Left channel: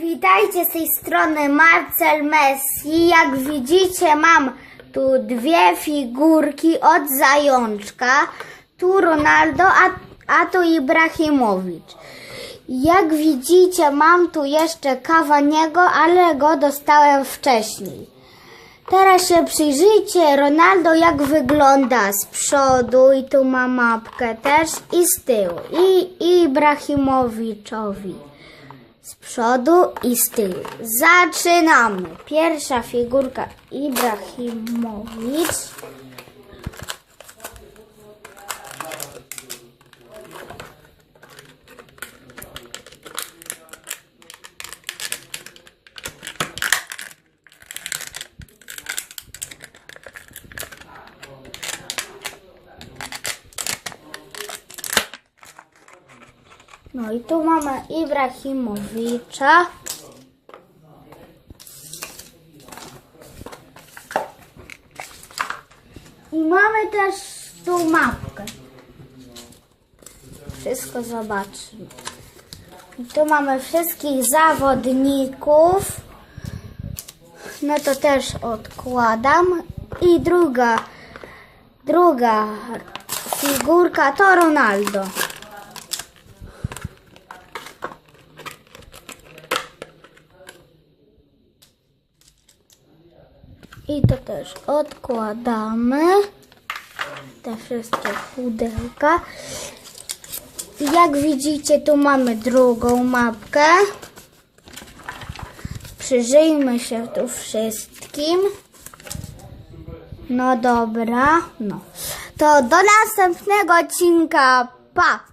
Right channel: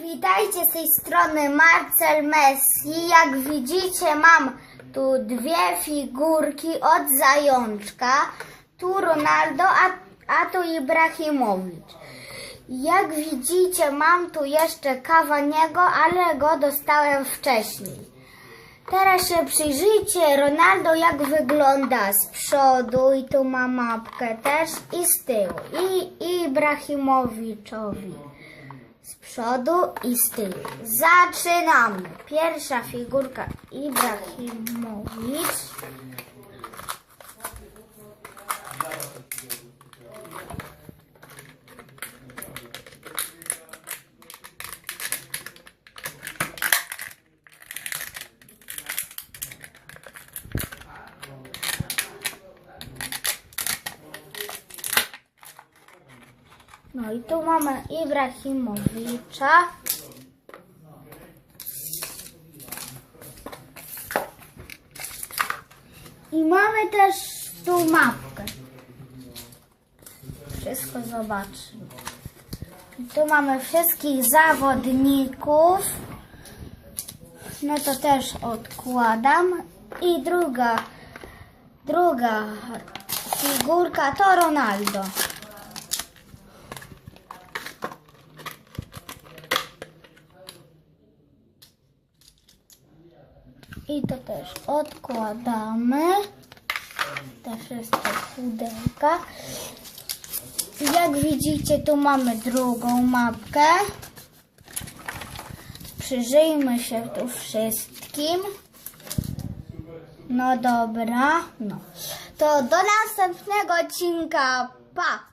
witajcie z tej strony Marcel Messi. Jak widzicie mam tu dwie figurki od zajączka. Tu Ronaldo, a, a tu Ibrahimowicz. Jak widzicie mam tu jeszcze Kawaniego, ale go dostałem wcześniej. Teraz się przyjrzyjcie Ronaldo jak wygląda z przodu i tu ma mapkę też i z tyłu. I, i Ibrahimowiczowi z przodu i z tyłu. Zaczynamy. Pierwsza figurka Ibrahimowicz. No i tu mamy Ibrahimowicza. I mamy też tu mapkę. Wszystko zobaczymy. I tu mamy wszystkich zawodników. No to też odkładam. I druga, druga figurka to Ronaldo. I to też odkładamy. Jest to pudełka. Jak widzicie, tu mamy drugą mapkę. Przyjrzyjmy się tu wszystkim. No dobra, no. To do następnego odcinka. Pa!